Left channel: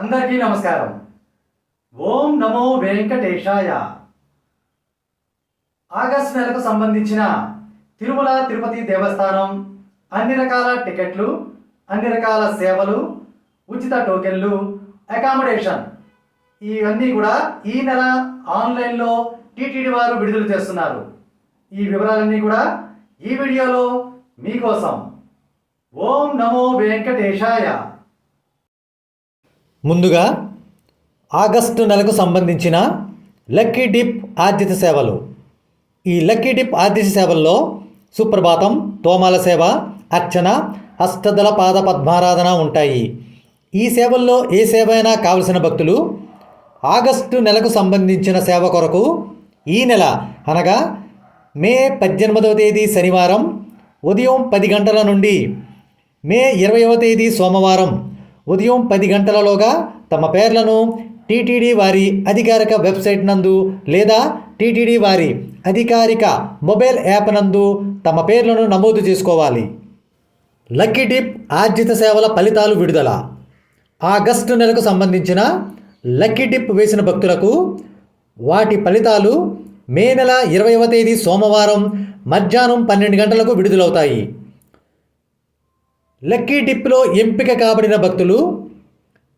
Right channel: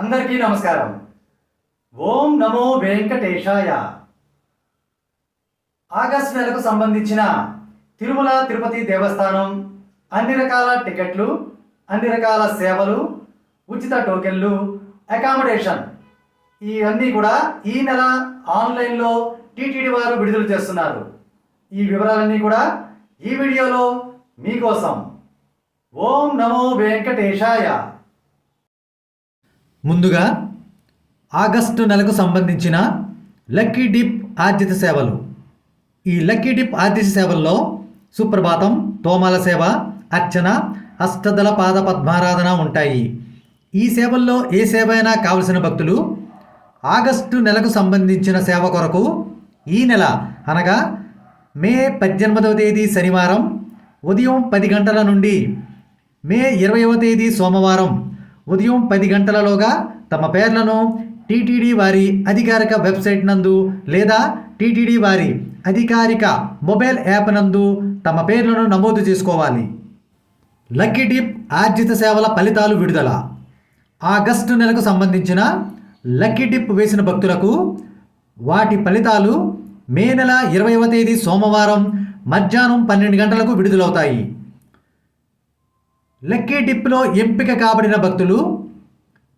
అందరికీ నమస్కారం. ఓం నమో వెంకటేశాయ. ఆగస్ట్ నెలకు సంబంధించిన తిరుమల తిరుపతి దేవస్థానం అన్ని రకాల టికెట్లు అన్ని రకాల సేవలు ఉచిత టోకెన్లు అకామిడేషన్ ఇవన్నీ కూడా ఈ నెల ఆన్లైన్లో టీటీడీ వారు విడుదల చేస్తున్నారు. ఈ వివరాలన్నీ కూడా ఈ వీడియోలో మీకోసం. ఓం నమో వెంకటేశాయ. ముందుగా ఆగస్టు నెలకు సంబంధించిన లక్కీ డిప్ ఆర్జిత సేవలు. ఈ లక్కీ డిప్ ఆర్జిత సేవల్లో సుప్రభాతం తోమాల సేవ అర్చన అష్టదళ పాద పద్మారాధన ఉంటాయి. ఈ సేవల్లో ఏ సేవ అయినా కావలసిన భక్తులు ఆగస్టు నెలకు సంబంధించిన సేవ కొరకు ఈ నెల అనగా మే పద్దెనిమిదవ తేదీ శనివారం ఉదయం పది గంటల నుండి మే ఇరవైవ తేదీ సోమవారం ఉదయం పది గంటలలోగా తమ పేర్లను టీటీడీ వారి అధికారిక వెబ్సైట్ నందు లేదా టీటీడీ వారి అధికారిక మొబైల్ యాప్ నందు తమ పేర్లను నమోదు చేసుకోవాలి. లక్కీ టిప్ ఆర్జిత సేవల ఫలితాలు విడుదల. ఆగస్టు నెలకు సంబంధించిన లక్కీ టిప్ వేసిన భక్తులకు వాటి ఫలితాలు మే నెల ఇరవైవ తేదీ సోమవారం మధ్యాహ్నం పన్నెండు గంటలకు విడుదలవుతాయి. లక్కీ డిప్లో ఎంపిక కాబడిన భక్తులు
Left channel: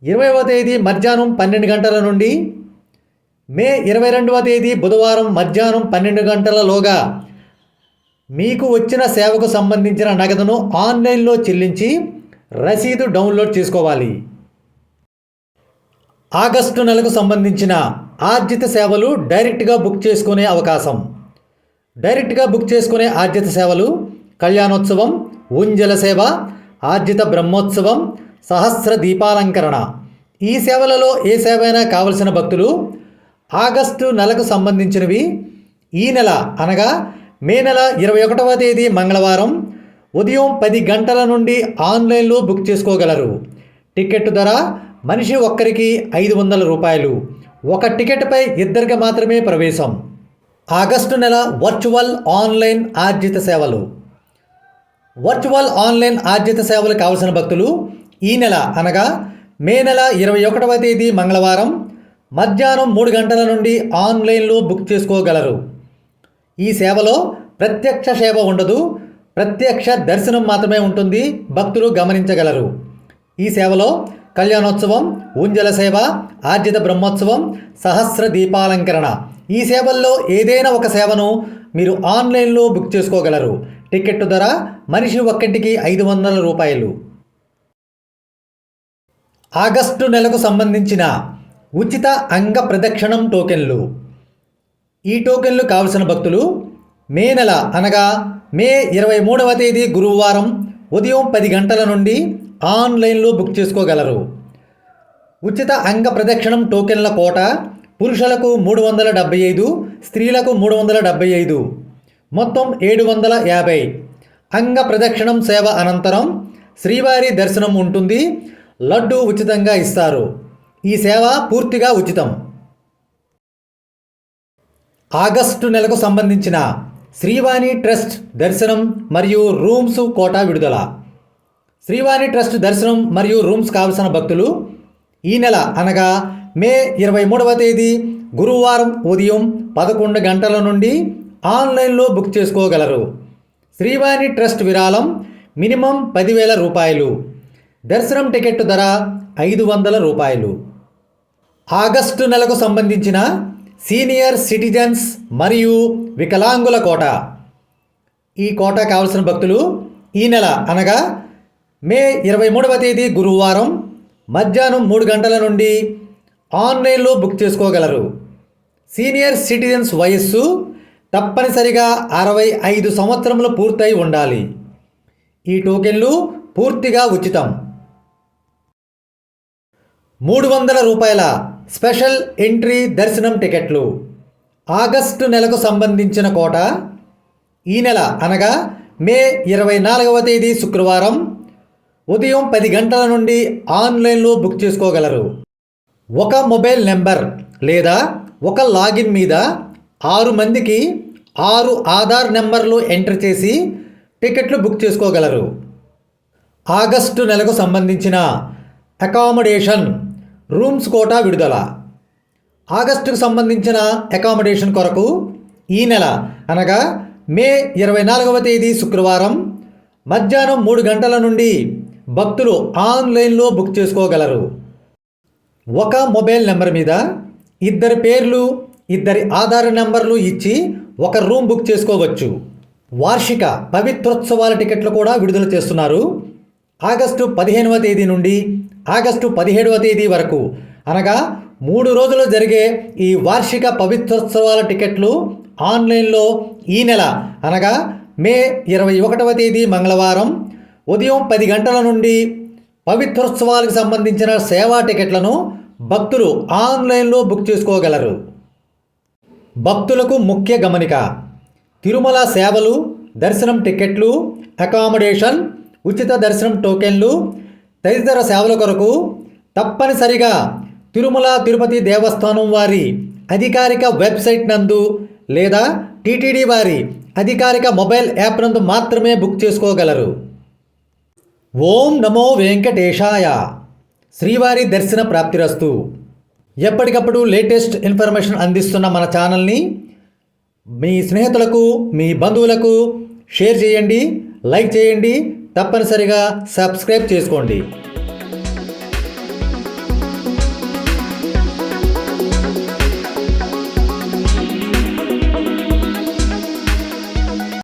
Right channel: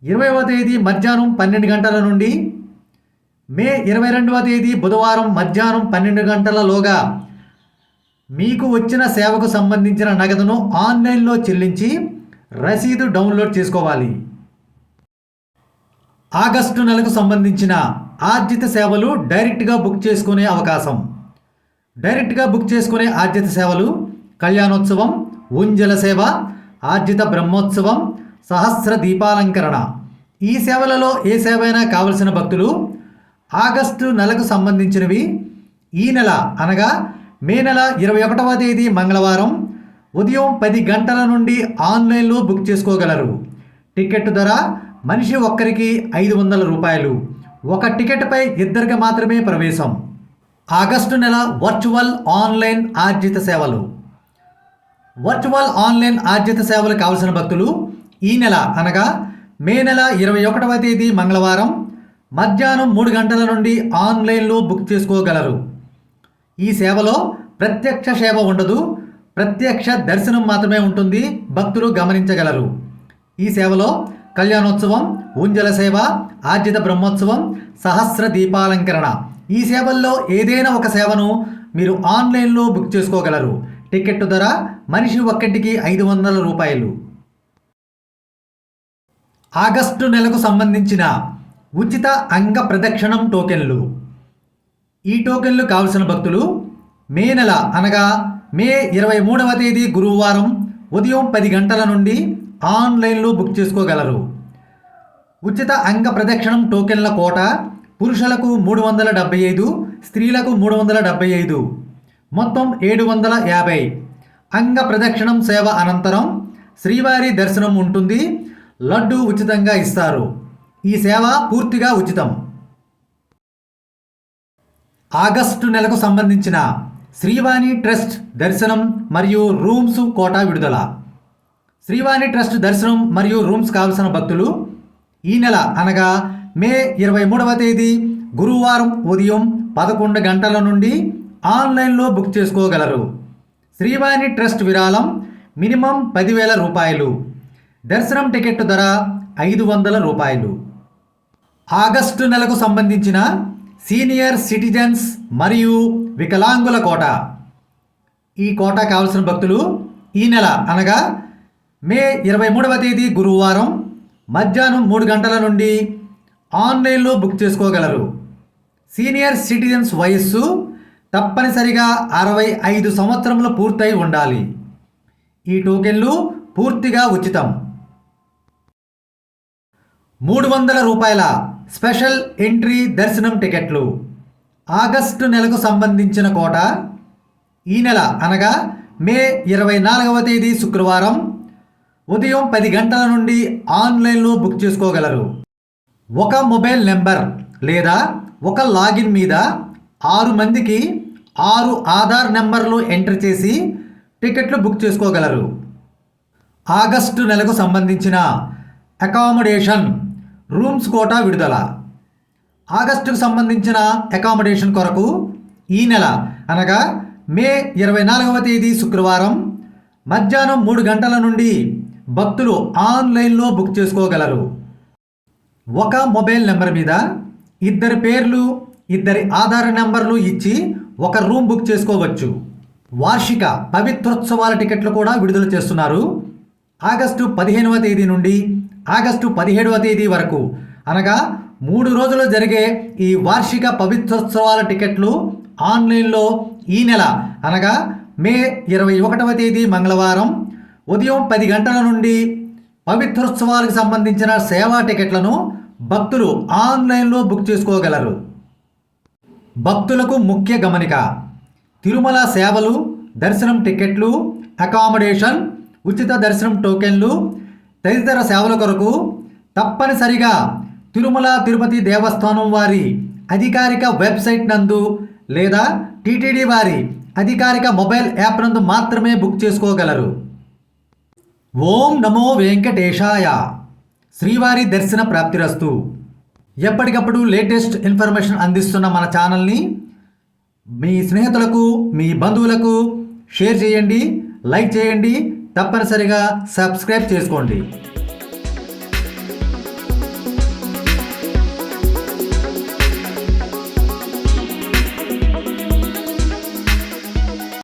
ఇరవైవ తేదీ మధ్యాహ్నం పన్నెండు గంటల నుండి మే ఇరవై రెండవ తేదీ బుధవారం మధ్యాహ్నం పన్నెండు గంటలలోగా మీకు వచ్చిన సేవకు సంబంధించిన నగదును ఆన్లైన్లో చెల్లించి రసీదు డౌన్లోడ్ చేసుకోవాలి. ఆగస్టు నెలకు సంబంధించిన ఆర్జిత సేవలు డైరెక్ట్గా బుక్ చేసుకునే అవకాశం. డైరెక్ట్గా బుక్ చేసుకునే ఆర్జిత సేవలు కళ్యాణోత్సవం ఉంజల సేవ ఆర్జిత బ్రహ్మోత్సవం సహస్ర దీపాలంకరణ. ఈ సేవలలో ఏ సేవైనా కావలసిన భక్తులు ఆగస్టు నెలకు సంబంధించినవి. ఈ నెల అనగా మే నెల ఇరవై ఒకటవ తేదీ మంగళవారం ఉదయం పది గంటల నుండి ఆన్లైన్లో బుక్ చేసుకోగలరు. టికెట్ ధర మనిషి ఒక్కరికి ఐదు వందల రూపాయలు. ఒక టికెట్పై ఇద్దరికి మాత్రమే ప్రవేశం. ఆగస్టు నెల వర్చువల్ ఆన్లైన్ ఆర్జిత సేవలు. వర్చువల్ ఆన్లైన్ ఆర్జిత సేవలు కావలసిన భక్తులు ఈ నెల అనగా మే నెల ఇరవై ఒకటవ తేదీ మంగళవారం మధ్యాహ్నం మూడు గంటల నుండి ఆన్లైన్లో బుక్ చేసుకోగలరు. ఈ సేవలో ప్రత్యక్ష సేవ ఉండదు ప్రత్యక్ష దర్శనం మాత్రమే ఉంటుంది భక్తులు గమనించగలరు. ఈ సేవలో కళ్యాణోత్సవం ఊంజల సేవ ఆర్జిత బ్రహ్మోత్సవం సహస్ర దీపాలంకరణ. ఈ సేవల్లో ఏదైనా ఒక సేవను మీరు ఆన్లైన్లో బుక్ చేసుకోగలరు. టికెట్ ధర మనిషి ఒక్కటికి ఐదు వందల రూపాయలు. ఆగస్టు నెలకు సంబంధించిన ఉచిత అంగ ప్రదక్షిణం టోకెన్లు. ఈ టోకెన్లు కావలసిన భక్తులు మే నెల అనగా మే ఇరవై మూడవ తేదీ గురువారం ఉదయం పది గంటల నుండి ఆన్లైన్లో బుక్ చేసుకోగలరు. ఉచిత అంగ ప్రదక్షిణం టోకెన్ల కోట పురుషులకు మూడు వందల డెబ్బై ఐదు స్త్రీలకు మూడు వందల డెబ్బై ఐదు. మొత్తం ఏడు వందల యాభై. అంగ ప్రదక్షిణం సేవ అనంతరం శ్రీవారి దర్శనం ఉంటుంది. లడ్డు ఉచితంగా ఇస్తారు. ఈ సేవ పూర్తిగా ఉచితం. ఆగస్టు నెలకు సంబంధించిన శ్రీవాణి ట్రస్ట్ దర్శనం మరియు రూమ్స్ కోటా విడుదల. శ్రీవాణి ట్రస్ట్ దర్శనం మరియు రూమ్స్ కావలసిన భక్తులు ఈ నెల అనగా మే ఇరవై మూడవ తేదీ గురువారం ఉదయం పదకొండు గంటల నుండి ఆన్లైన్లో బుక్ చేసుకోగలరు. శ్రీవాణి ట్రస్ట్ విరాళం మినిమం పదివేల రూపాయలు. దర్శనం టికెట్ ధర ఐదు వందల రూపాయలు. ఆగస్టు నెలకు సంబంధించిన సీనియర్ సిటిజన్స్ మరియు వికలాంగుల కోట. ఈ కోట కావలసిన భక్తులు ఈ నెల అనగా మే ఇరవై మూడవ తేదీ గురువారం మధ్యాహ్నం మూడు గంటల నుండి ఆన్లైన్లో బుక్ చేసుకోగలరు. సీనియర్ సిటిజన్స్ వయస్సు తప్పనిసరిగా అరవై ఐదు సంవత్సరములు పూర్తయి ఉండాలి. ఈ టోకెన్లు పూర్తిగా ఉచితం. మూడు వందల రూపాయల స్పెషల్ ఎంట్రీ దర్శనం టికెట్లు. ఆగస్టు నెలకు సంబంధించిన కోట ఈ నెల అనగా మే ఇరవై నాలుగవ తేదీ శుక్రవారం ఉదయం పది గంటల నుండి ఆన్లైన్లో బుక్ చేసుకోగలరు. ఒక మొబైల్ నెంబర్ లేదా ఒక లాగిన్ మీద ఆరు మందికి ఆరు ఆధార్ నెంబర్లు ఎంటర్ చేసి టికెట్లు బుక్ చేసుకోగలరు. ఆగస్టు నెలకు సంబంధించిన అకామిడేషన్ రూమ్స్ కోటా విడుదల. ఆగస్టుకు సంబంధించిన అకామిడేషన్ కొరకు ఈ నెల అనగా మే ఇరవై నాలుగవ తేదీ శుక్రవారం మధ్యాహ్నం మూడు గంటల నుండి భక్తులు ఆన్లైన్లో బుక్ చేసుకోగలరు. ఒక మొబైల్ నెంబర్ మీద ఇద్దరి పేర్లు ఇద్దరి ఆధార్ నెంబర్లు ఇచ్చి ఒక రూమ్ బుక్ చేసుకోవచ్చు. వార్షిక పవిత్రోత్సవాల టికెట్లు కూడా విడుదల చేస్తున్నారు. ఆగస్టు పదిహేనవ తేదీ నుండి ఆగస్టు పదిహేడవ తేదీ వరకు. అనగా మూడు రోజులు జరిగే ఈ వార్షిక పవిత్రోత్సవాల టికెట్లు ఆన్లైన్లో ఈ నెల అనగా మే ఇరవై ఒకటవ తేదీ మంగళవారం ఉదయం పది గంటల నుండి పవిత్రోత్సవాలకు సంబంధించిన సేవా టికెట్లను భక్తులు ఆన్లైన్లో బుక్ చేసుకోగలరు. భక్తులకు ముఖ్య గమనిక. తిరుమల సేవలు దర్శనం టికెట్లు అకామిడేషన్ ఉచిత దర్శనం టోకెన్లు తదితర సేవల కొరకు తప్పనిసరిగా తిరుమల తిరుపతి దేవస్థానం వారి అధికారిక వెబ్సైట్ నందు లేదా టీటీడీ వారి అధికారిక మొబైల్ యాప్ నందు మాత్రమే బుక్ చేసుకోగలరు. ఓం నమో వెంకటేశాయ. శ్రీవారి దర్శన ప్రాప్తిరస్తు. ఎప్పటికప్పుడు లేటెస్ట్ ఇన్ఫర్మేషన్ అందిస్తున్న మన ఛానల్ని మీ స్నేహితులకు మీ బంధువులకు షేర్ చేయండి లైక్ చేయండి తప్పనిసరిగా సబ్స్క్రైబ్ చేసుకోండి.